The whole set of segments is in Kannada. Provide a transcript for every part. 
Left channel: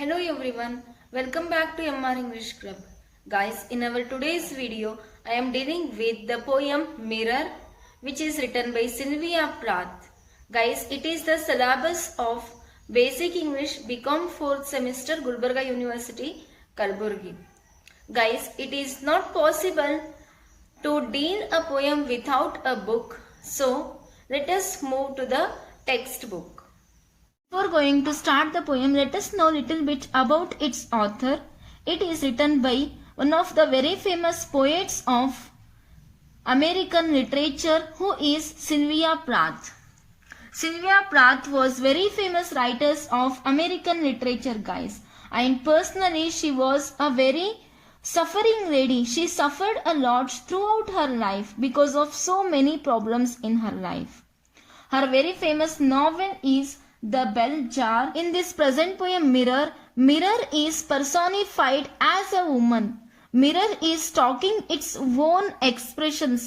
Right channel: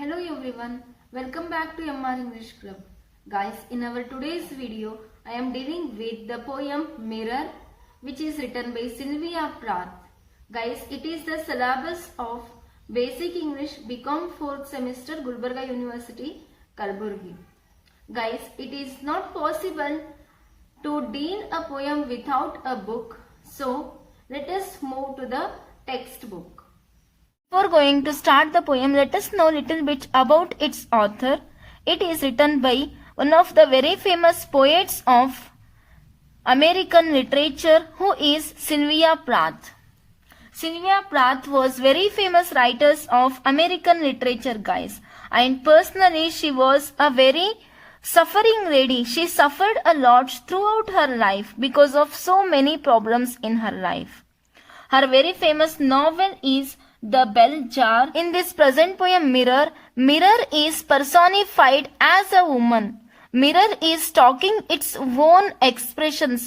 Hello everyone, welcome back to MR English Club. Guys, in our today's video, I am dealing with the poem Mirror, which is written by Sylvia Plath. Guys, it is the syllabus of Basic English BCom 4th semester Gulbarga University, Kalburgi. Guys, it is not possible to deal a poem without a book. So, let us move to the textbook. Before going to start the poem, let us know a little bit about its author. It is written by one of the very famous poets of American literature, who is Sylvia Plath. Sylvia Plath was very famous writer of American literature, guys. And personally, she was a very suffering lady. She suffered a lot throughout her life because of so many problems in her life. Her very famous novel is The Bell Jar. In this present poem Mirror, mirror is personified as a woman. Mirror is talking its own expressions.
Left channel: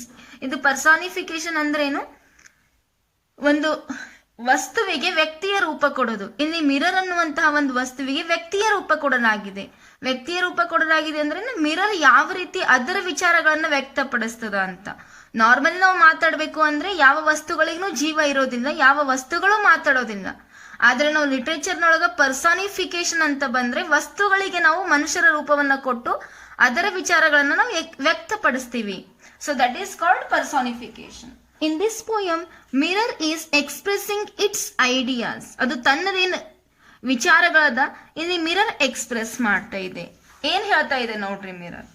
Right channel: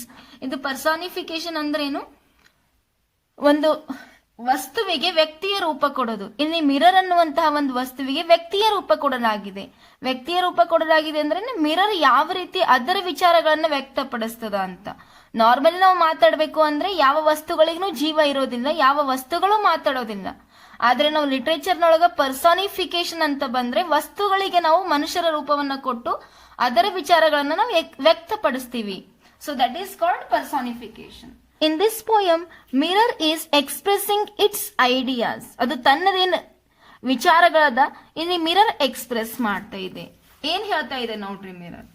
ಇದು ಪರ್ಸಾನಿಫಿಕೇಶನ್ ಅಂದ್ರೆ ಏನು? ಒಂದು ವಸ್ತುವಿಗೆ ವ್ಯಕ್ತಿಯ ರೂಪ ಕೊಡೋದು. ಇಲ್ಲಿ ಮಿರರ್ ಅನ್ನುವಂತಹ ಒಂದು ವಸ್ತುವಿಗೆ ವ್ಯಕ್ತಿಯ ರೂಪ ಕೊಡಲಾಗಿದೆ. ವ್ಯಕ್ತಿಯ ರೂಪ ಕೊಡಲಾಗಿದೆ ಅಂದ್ರೆ ಮಿರರ್ ಯಾವ ರೀತಿ ಅದರ ವಿಚಾರಗಳನ್ನ ವ್ಯಕ್ತಪಡಿಸ್ತದ ಅಂತ. ನಾರ್ಮಲಿ ನಾವು ಮಾತಾಡಬೇಕು ಅಂದ್ರೆ ಯಾವ ವಸ್ತುಗಳಿಗೂ ಜೀವ ಇರೋದಿಲ್ಲ, ಯಾವ ವಸ್ತುಗಳು ಮಾತಾಡೋದಿಲ್ಲ. ಆದ್ರೆ ನಾವು ಲಿಟ್ರೇಚರ್ನೊಳಗ ಪರ್ಸಾನಿಫಿಕೇಶನ್ ಅಂತ ಬಂದ್ರೆ ವಸ್ತುಗಳಿಗೆ ನಾವು ಮನುಷ್ಯರ ರೂಪವನ್ನ ಕೊಟ್ಟು ಅದರ ವಿಚಾರಗಳನ್ನ ನಾವು ವ್ಯಕ್ತಪಡಿಸ್ತೀವಿ. So that is called personification. In this poem mirror is expressing its ideas. ಅದು ತನ್ನದೇನು ವಿಚಾರಗಳದ ಇಲ್ಲಿ ಮಿರರ್ ಎಕ್ಸ್ಪ್ರೆಸ್ ಮಾಡ್ತಾ ಇದೆ. ಏನ್ ಹೇಳ್ತಾ ಇದೆ ನೋಡ್ರಿ mirror.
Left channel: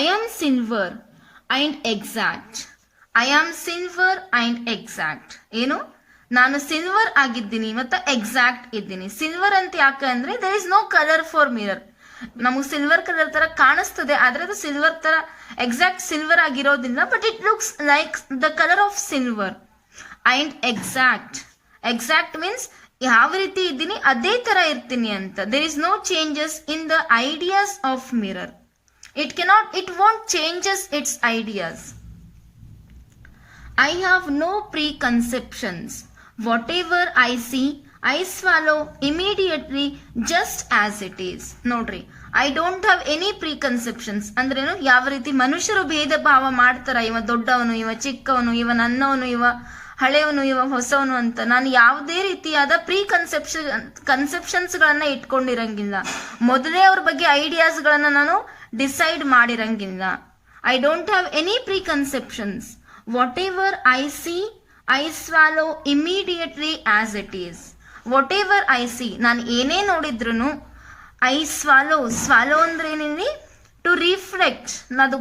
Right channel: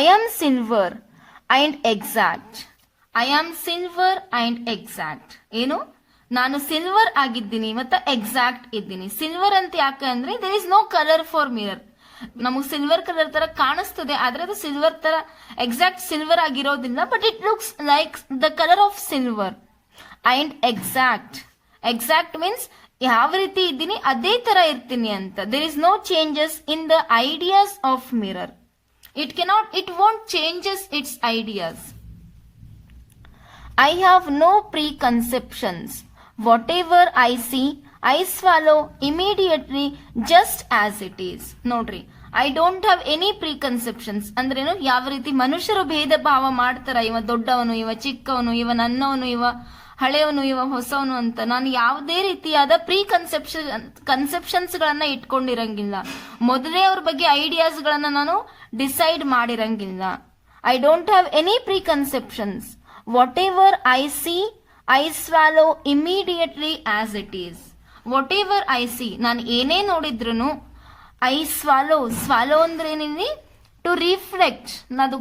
I am silver and exact. I am silver and exact. ಏನು? ನಾನು ಸಿಲ್ವರ್ ಆಗಿದ್ದೀನಿ ಮತ್ತೆ ಎಕ್ಸಾಕ್ಟ್ ಇದ್ದೀನಿ. ಸಿಲ್ವರ್ ಅಂತ ಯಾಕೆ ಅಂದ್ರೆ there is no colour for mirror. ನಮಗೆ ಸಿಲ್ವರ್ ಕಲರ್ ತರ ಕಾಣಿಸ್ತದೆ, ಆದ್ರೆ ಅದು ಸಿಲ್ವರ್ ತರ ಎಕ್ಸಾಕ್ಟ್ ಸಿಲ್ವರ್ ಆಗಿರೋದಿಲ್ಲ. But it looks like the colour of silver. And exact. Exact means ಯಾವ ರೀತಿ ಇದ್ದೀನಿ ಅದೇ ತರ ಇರ್ತೀನಿ ಅಂತ. There is no changes in the ideas of mirror. It won't changes its ideas. I have no preconceptions. Whatever I see, I swallow immediately just as it is. ನೋಡ್ರಿ, I don't have any preconceptions. ಅಂದ್ರೇನು? ಯಾವ ರೀತಿ ಮನುಷ್ಯರು ಭೇದ ಭಾವ ಮಾಡ್ತಾರ, ಇವ ದೊಡ್ಡವನು, ಇವ ಚಿಕ್ಕವನು, ಇವ ನನ್ನವನು, ಇವ ಹಳೆಯವನು, ಇವ ಹೊಸವನು ಅಂತ ನಾನು ಯಾವುದೇ ರೀತಿಯಾದ ಕನ್ಸೆಪ್ಷನ್ಸ್ ಗಳನ್ನ ಇಟ್ಕೊಂಡಿರಂಗಿಲ್ಲ. ಮೊದಲೇ ಅವ್ರ ಬಗ್ಗೆ ಐಡಿಯಾಸ್ ಗಳನ್ನ ನಾನು ಡಿಸೈಡ್ ಮಾಡಿರಂಗಿಲ್ಲ. I don't have any preconceptions. What I see I swallow immediately as it is. What I see, ನಾನು ಏನೇ ನೋಡಿದ್ರು ಐ ಸ್ವಾಲೋ. ಸ್ವಾಲೋ ಅಂದ್ರೆ ಏನಿದೆ? To reflect. ಅದು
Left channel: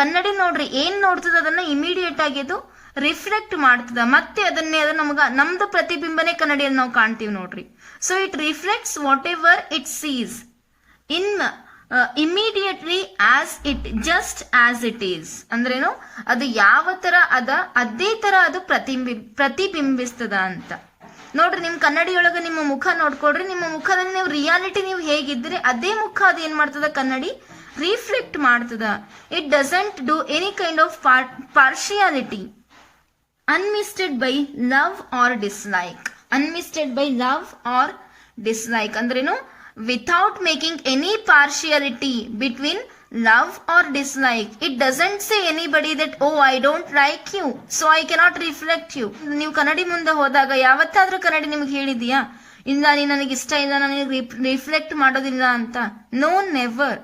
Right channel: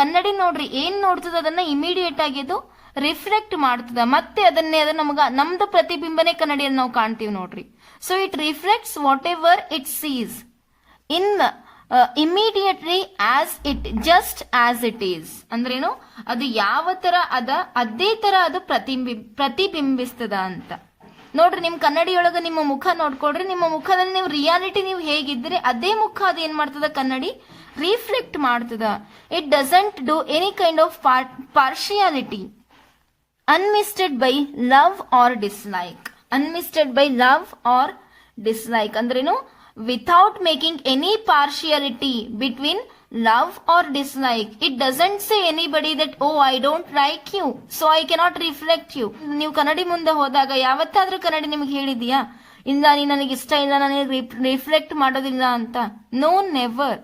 ಕನ್ನಡಿ ನೋಡ್ರಿ, ಏನ್ ನೋಡ್ತದ ಅದನ್ನ ಇಮಿಡಿಯೇಟ್ ಆಗಿ ಅದು ರಿಫ್ಲೆಕ್ಟ್ ಮಾಡ್ತದ. ಮತ್ತೆ ಅದನ್ನೇ ನಮ್ದು ಪ್ರತಿಬಿಂಬನೆ ಕನ್ನಡಿಯಲ್ಲಿ ನಾವು ಕಾಣ್ತೀವಿ ನೋಡ್ರಿ. So it reflects whatever it sees in immediately as it just as it is. ಅಂದ್ರೇನು? ಅದು ಯಾವ ತರ ಅದ ಅದೇ ತರ ಅದು ಪ್ರತಿಬಿಂಬಿಸ್ತದ ಅಂತ. ನೋಡ್ರಿ, ನಿಮ್ ಕನ್ನಡಿಯೊಳಗ ನಿಮ್ಮ ಮುಖ ನೋಡ್ಕೊಳ್ರಿ. ನಿಮ್ಮ ಮುಖದಲ್ಲಿ ನೀವು ರಿಯಾಲಿಟಿ ನೀವು ಹೇಗಿದ್ರೆ ಅದೇ ಮುಖ ಅದು ಏನ್ ಮಾಡ್ತದ ಕನ್ನಡಿ ರಿಫ್ಲೆಕ್ಟ್ ಮಾಡ್ತದ. It doesn't do any kind of partiality. Unmisted by love or dislike. Unmisted by love or dislike ಅಂದ್ರೇನು? Without making any partiality between love or dislike. It doesn't say anybody that oh I don't like you so I cannot reflect you. ನೀವು ಕನ್ನಡಿ ಮುಂದೆ ಹೋದಾಗ ಯಾವತ್ತಾದ್ರೂ ಕನ್ನಡಿ ನಿಮ್ಗೆ ಹೇಳಿದೀಯಾ ಇಲ್ಲ ನೀ ನನಗೆ ಇಷ್ಟ ಇಲ್ಲ, ನನಗೆ ರಿಫ್ಲೆಕ್ಟ್ ಮಾಡೋದಿಲ್ಲ ಅಂತ? No, never.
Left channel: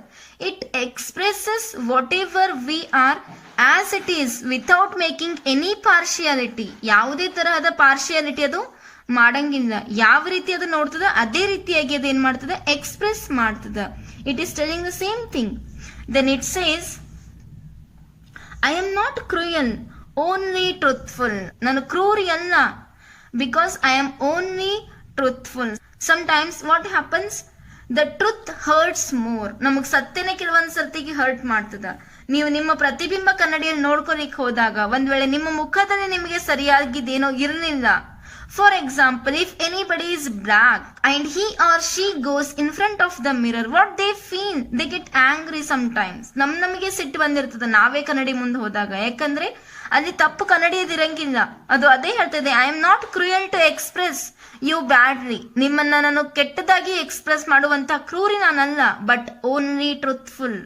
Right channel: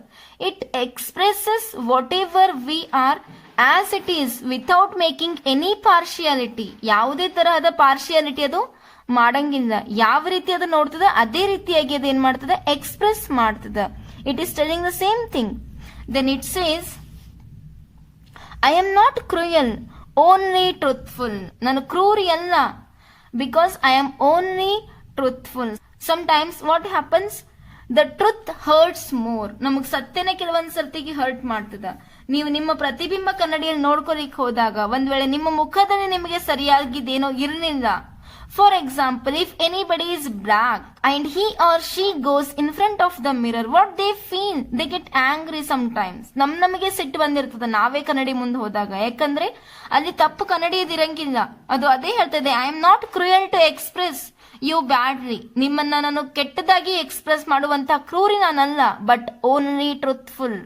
It expresses whatever we are as it is without making any partiality. ಯಾವುದೇ ತರಹದ ಪಾರ್ಶಿಯಾಲಿಟಿ ಅದು ಮಾಡಂಗಿಲ್ಲ. ಯಾವ ರೀತಿ ಅದು ನೋಡ್ತದ ಅದೇ ರೀತಿಯಾಗಿ ಅದು ಏನ್ ಮಾಡ್ತದ ಎಕ್ಸ್ಪ್ರೆಸ್ ಮಾಡ್ತದ. It is telling the same thing. Then it says I am not cruel, only truthful. ನಾನು ಕ್ರೂರಿ ಅಲ್ಲ, because I am only truthful. Sometimes what happens, the truth hurts more. ನಮಗ್ ಸತ್ಯನೇ ಕೆಲವೊಂದ್ ಸರ್ತಿಗೆ ಹರ್ಟ್ ಮಾಡ್ತದ. ನೀವು ನಿಮ್ಮ ಪ್ರತಿಬಿಂಬ ಕನ್ನಡಿಯಲ್ಲಿ ನೋಡ್ಕೊಲಿಕ್ಕೆ ಹೋದಾಗ ಒಂದ್ ವೇಳೆ ನಿಮ್ಮ ಮುಖದಲ್ಲಿ ನಿಮಗೆ ಸರಿಯಾಗಿದ್ದೇನೋ ಇರಲಿಲ್ಲ, for example, if anybody is black and he or she goes in front of the mirror, what they feel? They get angry sometimes. ನಮಗೆ ಸಿಟ್ಟು ಬಂದಿರ್ತದೆ ನಾವೇ ಕನ್ನಡಿ ಮುಂದೆ ಹೋದಾಗ. ಯಾಕಂದ್ರೆ ಅಲ್ಲಿ ತಪ್ಪು ಕನ್ನಡಿಯದಿರಂಗಿಲ್ಲ. ಅದು ಅದೇ ಹೇಳ್ತಿದೆ, I am not cruel to express you badly. ನಿಮ್ಮನ್ನ ನಾನು ಕೆಟ್ಟದಾಗಿ ಎಕ್ಸ್ಪ್ರೆಸ್ ಮಾಡುವಂತ ಕ್ರೂರಿ ನಾನಲ್ಲ, ಬಟ್ ಓನ್ಲಿ ಟ್ರೂತ್ಫುಲ್.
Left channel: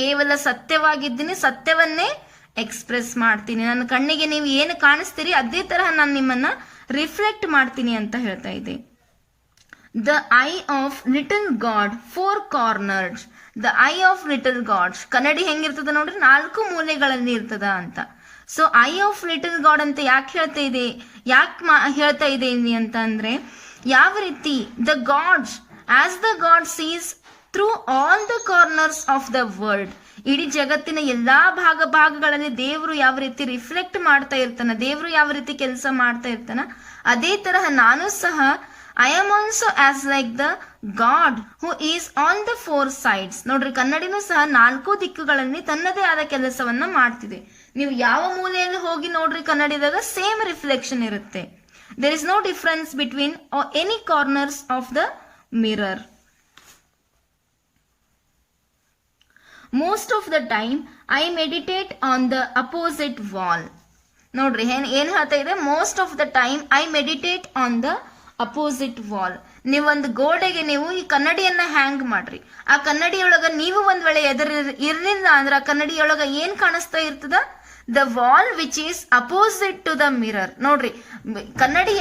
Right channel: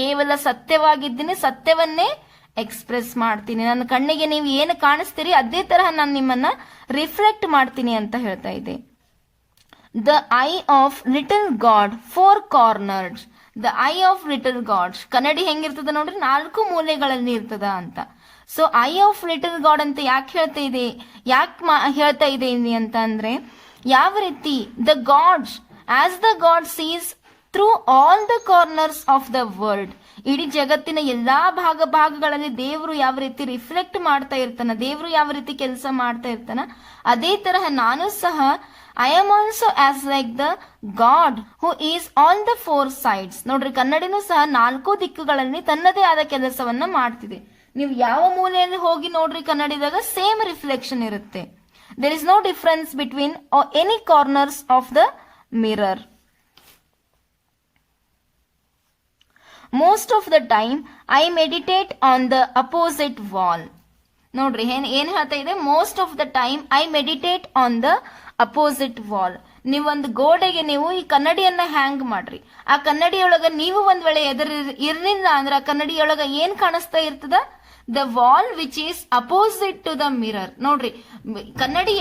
ಕೇವಲ ಸತ್ಯವಾಗಿದ್ದೀನಿ, ಸತ್ಯವನ್ನೇ ಎಕ್ಸ್ಪ್ರೆಸ್ ಮಾಡ್ತೀನಿ. ನನ್ನ ಕಣ್ಣಿಗೆ ನೀವು ಏನು ಕಾಣಿಸ್ತೀರಿ ಅದೇ ತರಹ ನಾನು ನಿಮ್ಮನ್ನ ರಿಫ್ಲೆಕ್ಟ್ ಮಾಡ್ತೀನಿ ಅಂತ ಹೇಳ್ತಾ ಇದೆ. The eye of little god 4 corners. The eye of little god, ಕನ್ನಡಿ ಹೆಂಗಿರ್ತದ ನೋಡ್ರಿ, 4 ಮೂಲೆಗಳಲ್ಲಿ ಇರ್ತದ ಅಂತ. So eye of little god ಅಂತ ಯಾಕೆ ಹೇಳ್ತಾ ಇದೆ ಅಂತ ಅಂದ್ರೆ, ಯಾವ ರೀತಿ the gods as the god sees through all the corners of the world. ಇಡೀ ಜಗತ್ತಿನ ಎಲ್ಲಾ ಭಾಗಗಳಲ್ಲಿ ದೇವರು ಯಾವ ರೀತಿ ರಿಫ್ಲೆಕ್ಟ್ ಮಾಡ್ತಾ ಇರ್ತಾನ, ದೇವರು ಯಾವ ರೀತಿ ಕೆಲಸ ಮಾಡ್ತಾ ಇರ್ತಾನ, ಅದೇ ತರಹ ನಾನು ಸಹ I am also as like the God who is on the 4 sides. ನೋಡ್ರಿ, ಕನ್ನಡಿನೂ ಸಹ 4 ದಿಕ್ಕುಗಳಲ್ಲಿ ತನ್ನದೇ ಆದ ಕೆಲಸವನ್ನ ಮಾಡ್ತಿದೆ. ನೀವು ಯಾವ ಮೂಲೆಯಲ್ಲಿ ಹೋಗಿ ನೋಡ್ರಿ ಕನ್ನಡಿದಾಗ ಸೇಮ್ ರಿಫ್ಲೆಕ್ಷನ್ ಇರುತ್ತೆ. There is no difference between any corners of the mirror. Most of the time I meditate on the opposite wall. ನೋಡ್ರಿ ಏನ್ ಹೇಳ್ತಾ ಇದೆ, most of the time I meditate on the opposite wall. ನೀವೊಂದು ಗೋಡೆಗೆ ನೀವು ಈ ಕನ್ನಡಿಯನ್ನ ಹ್ಯಾಂಗ್ ಮಾಡ್ರಿ, ಆ ಕನ್ನಡಿಯೊಳಗ ನೀವು ಒಂದ್ ವೇಳೆ ಇರ್ಲಿಲ್ಲ ಅಂದ್ರೆ ಆ ಕನ್ನಡಿಯೊಳಗ ಏನ್ ಕಾಣಿಸ್ತಾ ಇರ್ತದ, the wall which is opposite to the mirror. ನೋಡ್ರಿ, ಕನ್ನಡಿ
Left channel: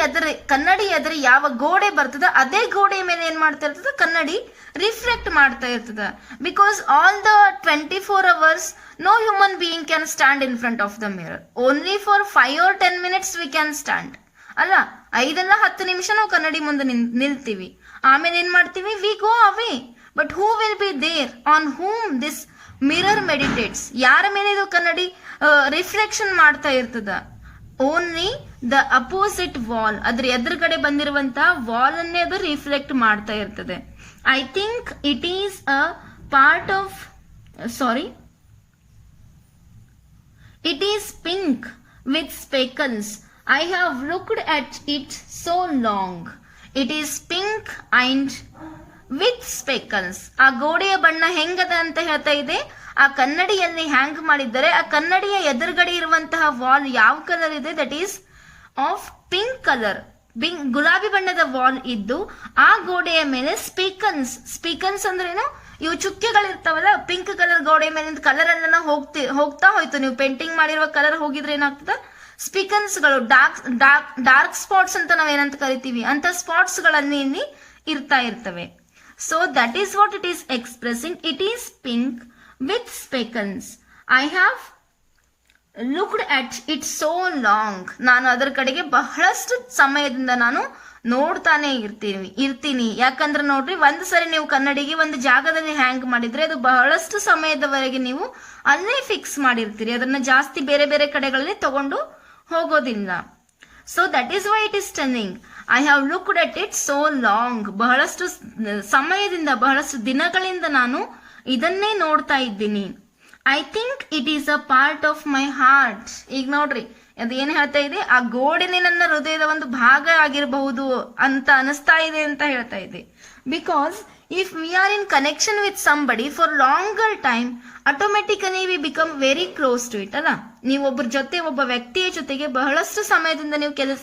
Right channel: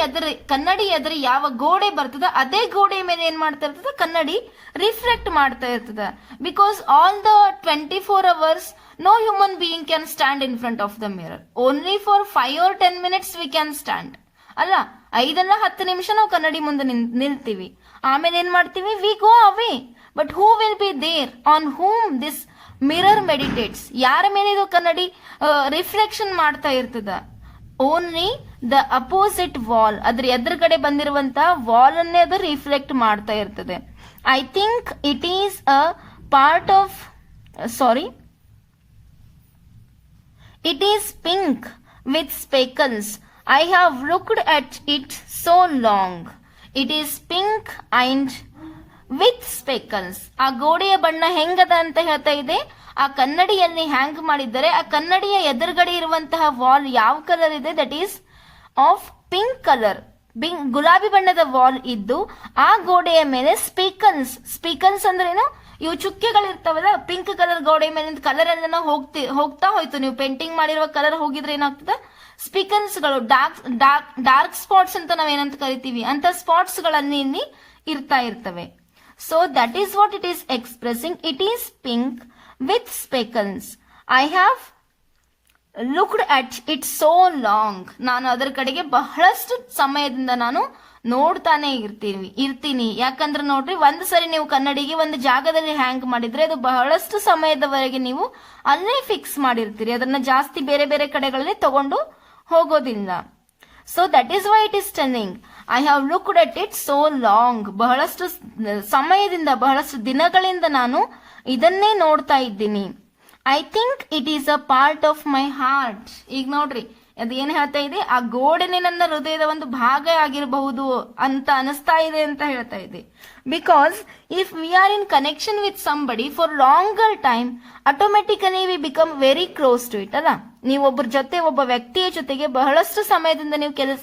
ಎದುರು ಯಾವ ಗೋಡೆ ಬರ್ತದ ಅದೇ ಗೋಡೆ ಮೇಲೆ ಏನ್ ಮಾಡ್ತಾ ಇರ್ತದ, ಕನ್ನಡಿ ರಿಫ್ಲೆಕ್ಟ್ ಮಾಡ್ತಾ ಇರ್ತದ. Because all the 24 hours no human being can stand in front of the mirror. Only for 5 or 10 minutes we can stand. ಅಲ್ಲ, 5-10 ನಿಮಿಷ ನಾವು ಕನ್ನಡಿ ಮುಂದೆ ನಿಲ್ತೀವಿ, ಆಮೇಲೆ ಏನ್ ಮಾಡ್ತೀವಿ, we go away. But who will be there on whom this mirror meditates? ಯಾರ ಮೇಲೆ ಇದು ಕನ್ನಡಿ ರಿಫ್ಲೆಕ್ಷನ್ ಮಾಡ್ತಾ ಇರ್ತದ? ಓನ್ಲಿ ದ ಅಪೋಸಿಟ್ ವಾಲ್, ಅದ್ರ ಎದುರುಗಡೆ ಬಂದಿರುವಂತಹ ವಾಲ್ ಅನ್ನೇ ಅದು ರಿಫ್ಲೆಕ್ಟ್ ಮಾಡ್ತಾ ಇರ್ತದೆ. I think it is a part of it is pink with speckles. I have looked at it so long. It is pink and with speckles. ಆ ಗೋಡೆಯ ಬಣ್ಣ ಹೆಂಗದ ಅಂತ ಹೇಳ್ತಾ ಇದೆ, ಆ ಕನ್ನಡಿಯಲ್ಲಿ ಹ್ಯಾಂಗ್ ಮಾಡಿದ್ದಾರೆ. ಆ ಕನ್ನಡಿಯ ಎದುರುಗಡೆ ಇರುವಂತಹ ವಾಲ್ ಯಾವ ಕಲರ್ ಇದೆ, that is of pink colour. ಗುಲಾಬಿ ಬಣ್ಣದ ವಾಲ್ ಇದ್ದು ಆ ಗೋಡೆಯ ಮೇಲೆ ಸ್ಪೀಕನ್ಸ್ ಅಂದ್ರೇನು, ಇವು ಚುಕ್ಕೆಗಳಿರ್ತಾವಲ್ಲ, ಪಿಂಕ್ ಕಲರ್ ಗೋಡೆ ಮೇಲಿಂದ ಕಲರ್ ಎಲ್ಲ ಹೋಗ್ತಾ ಹೋಯ್ತು. ನೀವು ಪೇಂಟಿಂಗ್ ಮಾಡಿರುವ ಕಲರ್ ಹೋಗಿದ್ರೆ ಏನಾಗ್ತದ, ಸ್ಪೀಕನ್ಸ್ ಗಳು ಡಾರ್ಕ್ ಸ್ಪಾಟ್ಸ್ ಅಂತ ನಾವೇನಂತ ಕರಿತೀವಿ, ಅಂತ ಸ್ಪಾಟ್ಸ್ ಗಳಲ್ಲಿ ಇಲ್ಲಿ ಇರ್ತಾ ಇರ್ತವೆ. So that is what it is expressing. It is pink with speckles. I have looked at it so long. ನಾನು ಅದರ ಕಡೆಗೆ ಬಹಳಷ್ಟು ಸಮಯದಿಂದ ನಾನು ನೋಡ್ತಾನೆ ಇರ್ತೀನಿ. ಯಾಕಂದ್ರೆ ನೋಡ್ರಿ, ಒಂದ್ ಸರಿ ನೀವು ಕನ್ನಡಿಗೆ ಒಂದು ಜಾಗದಲ್ಲಿ ಹ್ಯಾಂಗ್ ಮಾಡಿದ್ರೆ ಅದು ಬಹಳಷ್ಟು ಸಮಯದವರೆಗೆ ನೀವು ಅಲ್ಲೇ ಫಿಕ್ಸ್ ಮಾಡಿರ್ತೀರಿ, ಅದನ್ನ ಜಾಸ್ತಿ ಬೇರೆ ಬೇರೆ ಕಡೆಗಳಲ್ಲಿ ತಗೊಂಡು ಹೋಗೋದಿಲ್ಲ. So that is why it is telling I have looked at it so long. ಬಹಳಷ್ಟು ಸಮಯದಿಂದ, ಬಹಳಷ್ಟು ದಿನಗಳಿಂದ ನಾನು ಇದನ್ನೇ ನೋಡ್ತಾ ಇದ್ದೀನಿ. I think it is a part of my heart. ಈಗ ನೋಡ್ರಿ, ಅದು ಏನ್ ಹೇಳ್ತಾ ಇದೆ, ಆ ಗೋಡೆನೆ ನನ್ನ ಹೃದಯದ ಒಂದು ಭಾಗ ಆಗಿರಬಹುದು ಅಂತ ಅನಿಸ್ತಾ ಇದೆ ಅಂತ ಹೇಳ್ತಾ ಇದೆ. Because if we are in connection with somebody for longer time, automatically we become very close to it. ಅಲ್ಲ, ನೀವು ಒಬ್ಬ ವ್ಯಕ್ತಿಯ ಜೊತೆಗೆ ಬಹಳಷ್ಟು ಸಮಯದಿಂದ ನೀವು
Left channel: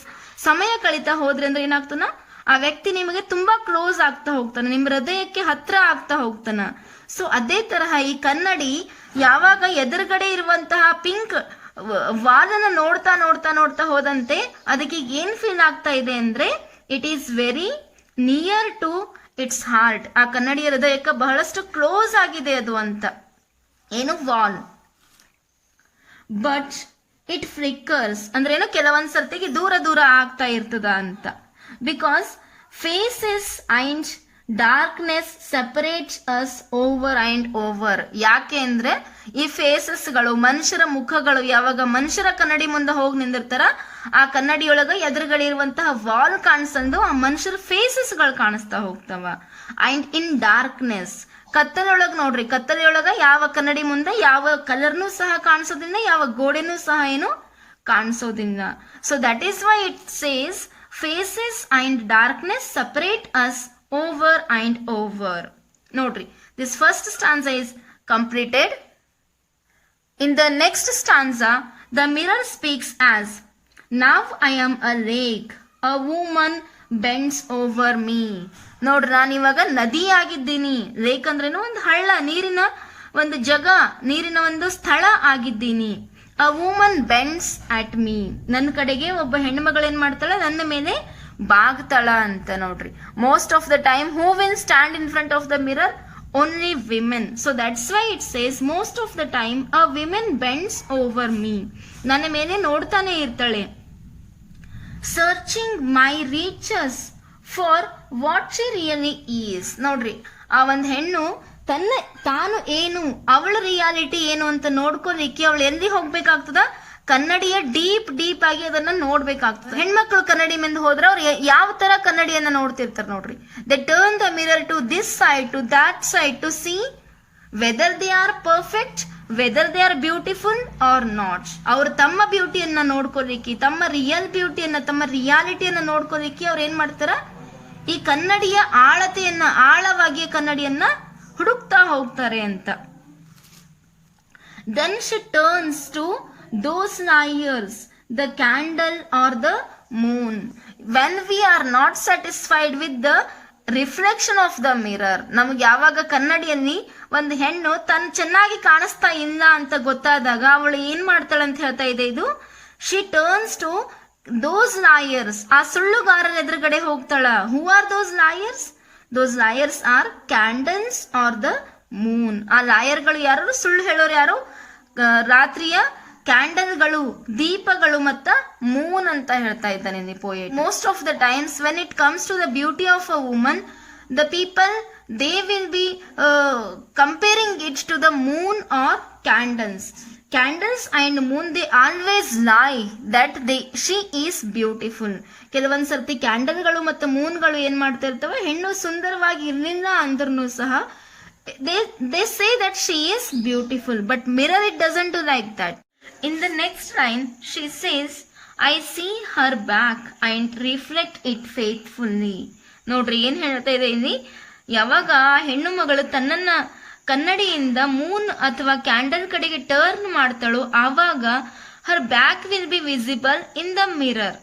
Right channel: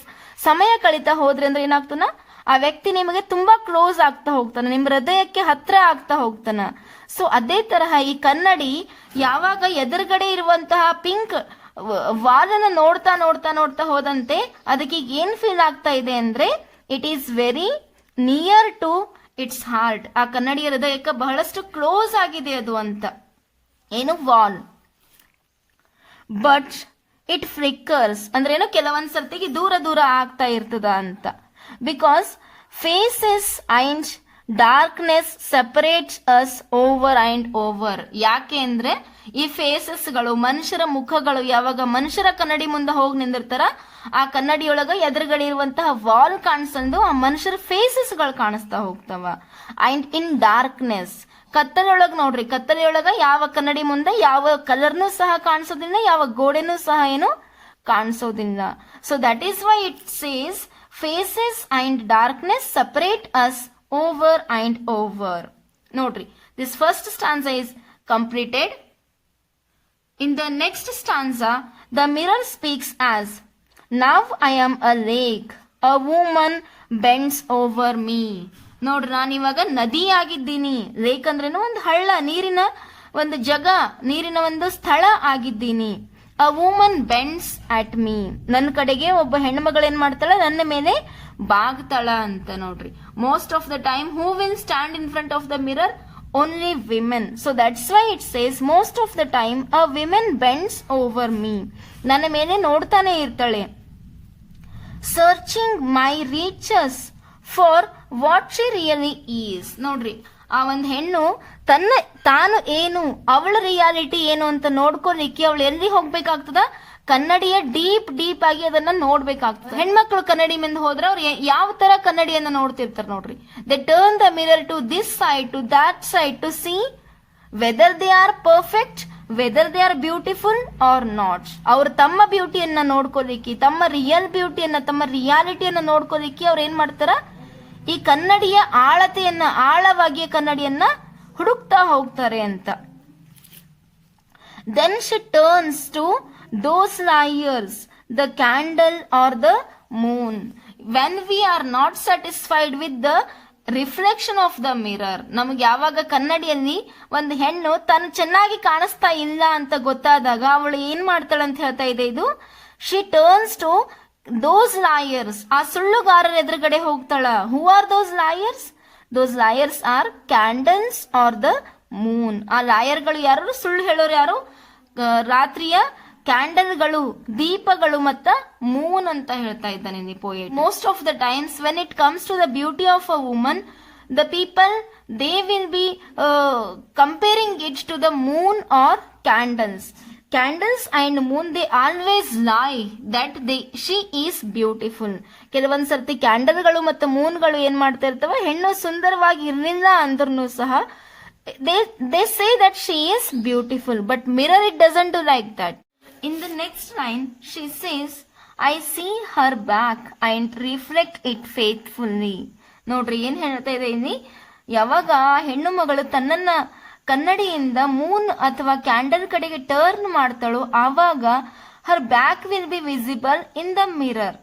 ಸಮಯ ಕಳೀತಾ ಹೋದ್ರಿ ಅಂದ್ರೆ ಏನಾಗ್ತಾನ, ಆ ವ್ಯಕ್ತಿ ನಿಮಗೆ ತುಂಬಾ ಕ್ಲೋಸ್ ಆಗ್ತಾ ಹೋಗ್ತಾನೆ, ನಿಮ್ ಹೃದಯಕ್ಕೆ ಹತ್ರ ಆಗ್ತಾ ಹೋಗ್ತಾನ. ಸೊ ಅದೇ ತರಹ ಈ ಕನ್ನಡಿ ಯಾವಾಗ ಎದುರುಗಡೆ ಇರುವಂತಹ ಪಿಂಕ್ ವಾಲನ್ನ ನೋಡ್ತಾ ನೋಡ್ತಾ ನೋಡ್ತಾ ಹೋದಂತೆ ಅದಕ್ಕೆ ಏನ್ ಫೀಲ್ ಆಗ್ತಾ ಇದೆ ಅಂದ್ರೆ, it is very near to its heart. ಆ ಕನ್ನಡಿಯ ಹೃದಯಕ್ಕೆ ಬಹಳಷ್ಟು ಕ್ಲೋಸ್ ಆಗಿದೆ ಅದು ಅಂತ. ಏನು ವಾಲ್. ಬಟ್ ಇಟ್ ಫ್ಲಿಕ್ಕರ್ಸ್ ಅಂದ್ರೆ ಏನು, ಕೆಲವೊಂದ್ ಸರ್ತಿಗೆ ದೂರ ದೂರ ಆಗ್ತಾ ಇರ್ತದ ಅಂತ. Because faces and darkness separates us over and over. ಯಾಕೆ ಅಂದ್ರೆ ಈ ಫೇಸಸ್ ಗಳು, ಮನುಷ್ಯರ ಮುಖಗಳು ಯಾವಾಗ ಮನುಷ್ಯರ ಕನ್ನಡಿ ಮುಂದೆ ಹೋಗಿ ನಿಂದಿರ್ತಾರ, ಆ ಕನ್ನಡಿಯೊಳಗ ಎದುರುಗಡೆ ಇರುವಂತಹ ವಾಲ್ ಕಾಣಿಸಂದು ಆ ಮನುಷ್ಯರ ಫೇಸಸ್ ಗಳು ಕಾಣಿಸ್ತಾ ಹೋಗ್ತಾವ. ಅಂಡ್ ಇನ್ ಡಾರ್ಕ್ನೆಸ್, ಕತ್ತಲೊಳಗ ನೋಡ್ರಿ, ಕತ್ತಲೆಯೊಳಗ ಯಾವ ಕನ್ನಡಿ ಮುಂದೆ ಯಾವ ಕಲರ್ನು ಸಹ ಕಾಣಿಸೋದಿಲ್ಲ, ಯಾವ ಗೋಡೆನೂ ಸಹ ಏನು ಕಾಣಿಸೋದಿಲ್ಲ. So that is why it says faces and darkness separate us over and over. ನೋಡ್ರಿ, this first stanza is completed. In the next stanza, the mirror speaks as, now I am a lake, a woman bends over me. ನೋಡ್ರಿ, ನಾನು ಇವಾಗ ನದಿ ಆಗಿದ್ದೀನಿ. ಲೇಕ್ ಅಂದ್ರೇನು ಒಂದು ಹಳ್ಳ, ನೀರಿನ ಒಂದು ಜಗ, ನೀರಿನ ಒಂದು ಸ್ಥಳ ಆಗಿದ್ದೀನಿ. A woman bends at me, ನನ್ನ ಕಡೆಗೆ ಒಬ್ಬ ಹೆಣ್ಮಗಳು ಏನ್ ಮಾಡ್ತಾಳ, ನನ್ನ ಮೇಲೆ ಬಾಗ್ತಾಳ ಅಂತ. ನೋಡ್ರಿ, most of the time who will stand in front of the mirror? Only women. So that's why it says most of the time a woman bends over me. ನನ್ನ ಮೇಲೆ ನೋಡ್ತಾನೆ ಇರ್ತಾಳೆ. Searching my reaches for what she really is. ನೋಡ್ರಿ, ಆ ಒಂದು ಹೆಣ್ಣು ತಾನು ಏನು, ಅವಳ ರಿಯಾಲಿಟಿ ಏನು ಅಂತ ನೋಡ್ಕೊಲಿಕ್ಕೆ ಅವಳು ಎಲ್ಲಿ ಹೋಗ್ಬೇಕಾಗ್ತದ? ಕನ್ನಡಿಯ ಡೀಪ್ ಆಗಿ ಅದನ್ನ ನೋಡ್ಬೇಕಾಗ್ತದೆ. ಹೆಣ್ಮಕ್ಳು ಕನ್ನಡಿ ಮುಂದೆ ಹೋದ್ರೆ ಅವ್ರು ಯಾವ ತರ ಕನ್ನಡಿಯನ್ನ ನೋಡ್ತಿರ್ತಾರೆ ನೋಡ್ರಿ. They turn the mirror to this side to that side to see whether they are perfect, whether they are beautiful or not. ಅವ್ರು ತಮ್ಮ ಬ್ಯೂಟಿಯನ್ನ ನೋಡ್ಕೊಲಿಕ್ಕೆ, ತಮ್ಮ ರಿಯಲ್ ಬ್ಯೂಟಿಯನ್ನ, ತಮ್ಮ ರಿಯಾಲಿಟಿಯನ್ನ ನೋಡ್ಕೊಲಿಕ್ಕೆ ಅವ್ರು ಏನ್ ಮಾಡ್ತಾರ? ಈ ಕನ್ನಡಿಯ ಆಳತೆಯನ್ನ, ಆಳವಾಗಿ ಕನ್ನಡಿಯನ್ನ ಹುಡುಕ್ತಾ ಹೋಗ್ತಾರೆ ಅಂತ. Then she turns to those liars, the candle or the moon. When we are not satisfied with the reflection of the mirror, ನಮಗೆ ಯಾವಾಗ ಕನ್ನಡಿಯಲ್ಲಿ ಒಂದು ಹೆಣ್ಣು ತಾನು ಚೆನ್ನಾಗಿ ಕಾಣಿಸ್ತಾ ಇಲ್ಲ ಅಂತ ಗೊತ್ತಾದಾಗ ಅವಳು ಏನ್ ಮಾಡ್ತಾಳೆ ಅಂತ ಹೇಳ್ತಾ ಇದೆ ಇದು. she turns to those liars, ಆ ಸುಳ್ಳುಗಾರರ ಎದುರುಗಡೆ ಹೋಗ್ತಾಳ. who are those liars? those liars are candles or the moon. ಆ ಲಾಯರ್ಗಳು ಯಾರು? ಸುಳ್ಳು ಹೇಳೋರು ಯಾರು? ರಾತ್ರಿಯ ಕ್ಯಾಂಡಲ್ಗಳು, ದೀಪಗಳು ಮತ್ತ ಮೂನ್ ಅಂತ ಹೇಳ್ತಾ ಇದ್ದಾನೆ ಈ poet. Most of the times when it comes to the beauty of a woman, the people they will be comparing it to the moon or candles. Candles and moon they always lie that she is beautiful. ಕೆಲವೊಂದ್ ಸರ್ತಿ ಕ್ಯಾಂಡಲ್ಗಳು ಮತ್ತು ಮೂನ್ಗಳು ಏನ್ ಮಾಡ್ತಾ ಇರ್ತವೆ, ಹೆಣ್ಣು ಸುಂದರವಾಗಿ ಇರಲಿಲ್ಲ ಅಂದ್ರೂ ಸಹ they say that she is beautiful, but mirror it doesn't do like that. In the next line she says, I see her back and reflect it faithfully. ನೋಡ್ರಿ, ಏನ್ ಹೇಳ್ತಾ ಇದೆ ಇಲ್ಲಿ? ಯಾವಾಗ ಹೆಣ್ಣು ಮಗಳು ತನ್ನನ್ನ ಕನ್ನಡಿಯಿಂದ ಮೂನ್ ಅಥವಾ ಕ್ಯಾಂಡಲ್ ಕಡೆಗೆ ಟರ್ನ್ ಮಾಡ್ತಾಳೋ ಆವಾಗ her back will be visible in the mirror.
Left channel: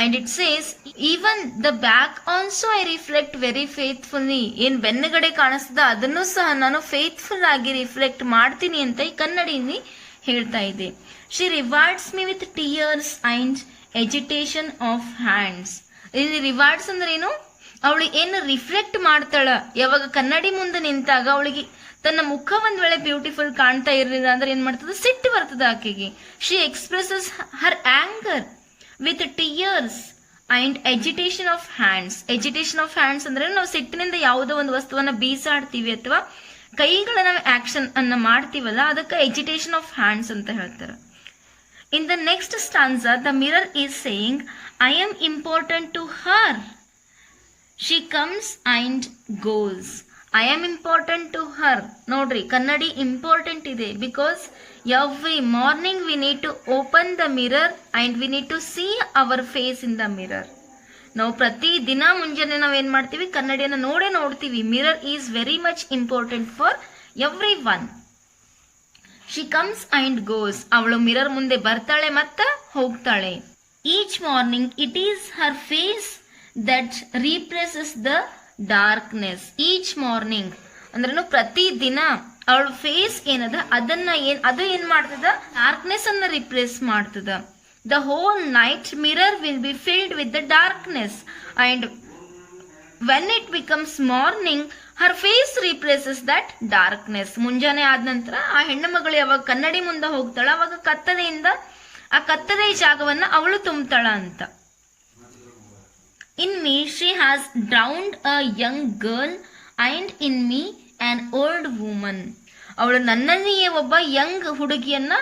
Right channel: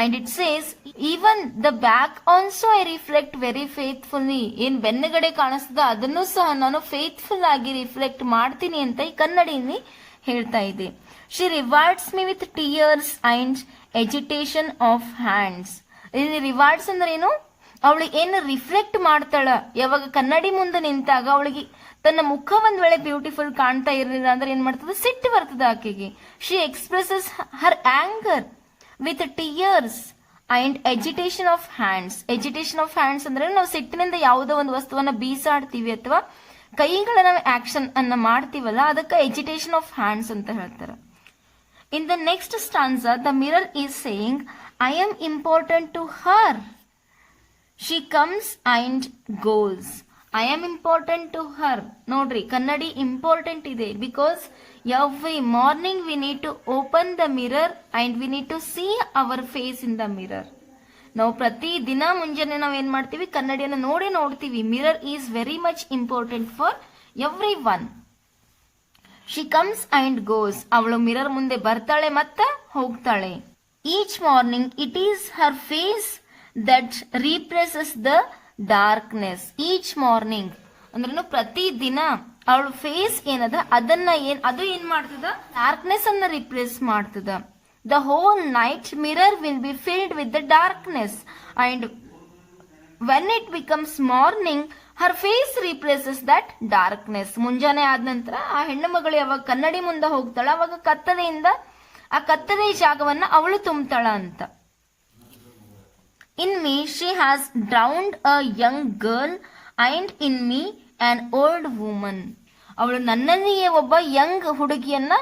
And it says, even the back also I reflect very faithfully. ಏನ್ ಬೆನ್ನುಗಡೆ ಕಾಣಿಸ್ತದ ಅದನ್ನು ಸಹ ನಾನು ಫೇತ್ಫುಲ್ ಆಗಿ ರಿಫ್ಲೆಕ್ಟ್ ಮಾಡ್ತೀನಿ ಅಂತ ಈ ಕನ್ನಡಿಯಲ್ಲಿ ಹೇಳ್ತಾ ಇದೆ. She rewards me with tears and agitation of hands. ಇಲ್ಲಿ ರಿವಾರ್ಡ್ಸ್ ಅಂದ್ರೆ ಏನು? ಅವಳು ಏನು ರಿಫ್ಲೆಕ್ಟ್ ಮಾಡ್ತಾಳ, ಯಾವಾಗ ಕನ್ನಡಿ ಮುಂದೆ ನಿಂತಾಗ ಅವಳಿಗೆ ತನ್ನ ಮುಖ ಒಂದ್ ವೇಳೆ ಬ್ಯೂಟಿಫುಲ್ ಕಾಣ್ತಾ ಇರಲಿಲ್ಲ ಅಂದ್ರೆ ಏನ್ ಮಾಡ್ತದ? ಸಿಟ್ಟು ಬರ್ತದ ಆಕೆಗೆ. She expresses her anger with tears and agitation of hands. agitation of hands ಅಂದ್ರೆ ನಾವು ಸಿಟ್ಟಿನಿಂದ ಯಾವುದೋ ಒಂದು ವಸ್ತುವನ್ನ ಬೀಸಾಡ್ತೀವಿ ಅಥವಾ ಕೈಗಳ ನಾವು ಆಕ್ಷನ್ ಅನ್ನ ಮಾಡ್ತೀವಲ್ಲ, ಅದಕ್ಕೆ agitation of hands ಅಂತ ಹೇಳ್ತಾರೆ. In the next stanza, the mirror is saying, I am important to her. She comes and goes. I am important to her. ನೋಡ್ರಿ, ಕನ್ನಡಿ ಇಂಪಾರ್ಟೆಂಟ್ ಇದೆ because every morning we need to open the mirror and we need to see our face in the mirror. ನಾವು ಪ್ರತಿ ದಿನ ಮುಂಜಾನೆ ನಾವು ಏನ್ ಮಾಡ್ತೀವಿ? ಕನ್ನಡಿಯನ್ನು ನೋಡ್ತೀವಿ. Mirror is very much important for everyone. She comes and goes. ಅವಳು ಮಿರರ್ ಮುಂದೆ ಬರ್ತಾಳೆ ಮತ್ತ ಹೋಗ್ತಾಳೆ. Each morning it is her face that replaces the darkness. Each morning ಅಂದ್ರೇನು ಪ್ರತಿ ದಿನ ಅವಳ ಫೇಸ್ ಏನದ ಅದು ಏನ್ ಮಾಡ್ತದ? ಡಾರ್ಕ್ನೆಸ್ ಅನ್ನ ರಿಪ್ಲೇಸ್ ಮಾಡ್ತದ. The whole night mirror will be filled with the darkness and when it becomes morning her face replaces that darkness. ಮುಂಜಾನೆ ಆದ ನಂತರ ಆ ಹೆಣ್ಣು ಮಗಳು ಯಾವಾಗ ಕನ್ನಡಿ ಮುಂದೆ ಹೋಗ್ತಾಳ ಅವಾಗ ಕತ್ತಲೆಯಿಂದ ಆ ಕತ್ತಲೆ ಜಾಗವನ್ನ ಅವಳು ತುಂಬತಾಳ ಅಂತ. In me she has drowned a young girl and in me an old woman. ಅವಳು ನನ್ನಲ್ಲಿಯೇ ಒಬ್ಬ ಯಂಗ್ ಹುಡುಗಿಯನ್ನ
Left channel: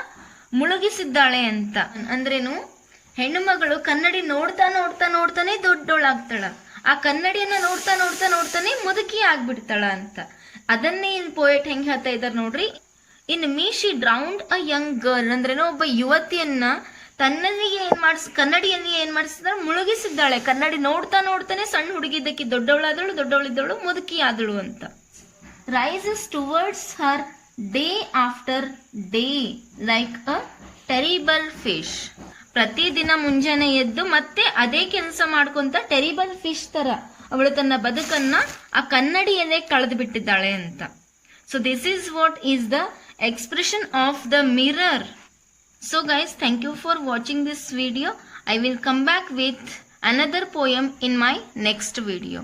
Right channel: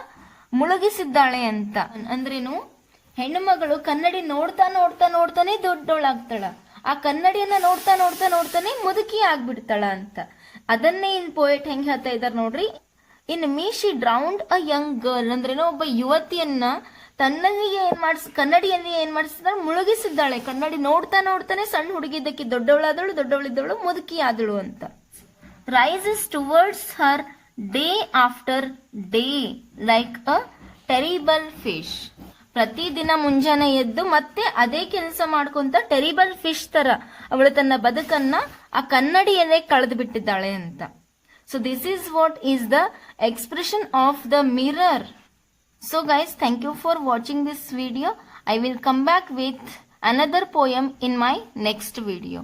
ಮುಳುಗಿಸಿದ್ದಾಳೆ ಅಂತ. ಅಂದ್ರೇನು? ಹೆಣ್ಣು ಮಗಳು ಕನ್ನಡಿ ನೋಡ್ತಾನೆ ದೊಡ್ಡೋಳಾಗ್ತಾಳ. ಆ ಕನ್ನಡಿಯನ್ನ ನೋಡ್ತಾನೆ ಮುದುಕಿ ಆಗ್ಬಿಡ್ತಾಳ ಅಂತ. ಅದನ್ನೇ ಇಲ್ಲಿ ಪೋಯೆಟ್ ಹೆಂಗ್ ಹೇಳ್ತಾ ಇದ್ದಾರೆ ನೋಡ್ರಿ. In me she drowned a young girl ಅಂದ್ರೇನು ಒಬ್ಬ ಯುವತಿಯನ್ನ ತನ್ನನಿಗೆ ಕನ್ನಡಿಯಲ್ಲಿ ಏನ್ ಮಾಡಿಸಿದಾಳೆ, ಮುಳುಗಿಸಿದ್ದಾಳೆ. ಕನ್ನಡಿ ನೋಡ್ತಾ ನೋಡ್ತಾನೆ ಸಣ್ಣ ಹುಡುಗಿದ್ದಕ್ಕೆ ದೊಡ್ಡವಳಾದಳು, ದೊಡ್ಡವಳಿದ್ದವಳು ಮುದುಕಿ ಆದಳು ಅಂತ. Rises towards her day after day like a terrible fish. ಪ್ರತಿದಿನ ಮುಂಜಾನೆ ಎದ್ದು ಮತ್ತೆ ಅದೇ ಕೆಲಸ ಮಾಡ್ಕೊಂತ ಟೆರಿಬಲ್ ಫಿಶ್ ತರ ಅವಳು ತನ್ನ ಬದುಕನ್ನ ಆ ಕನ್ನಡಿಯಲ್ಲೇ ಕಳೆದು ಬಿಟ್ಟಿದ್ದಾಳೆ ಅಂತ. So this is what is the expression of the mirror. So guys, thank you for watching this video. I will come back with another poem in my next video.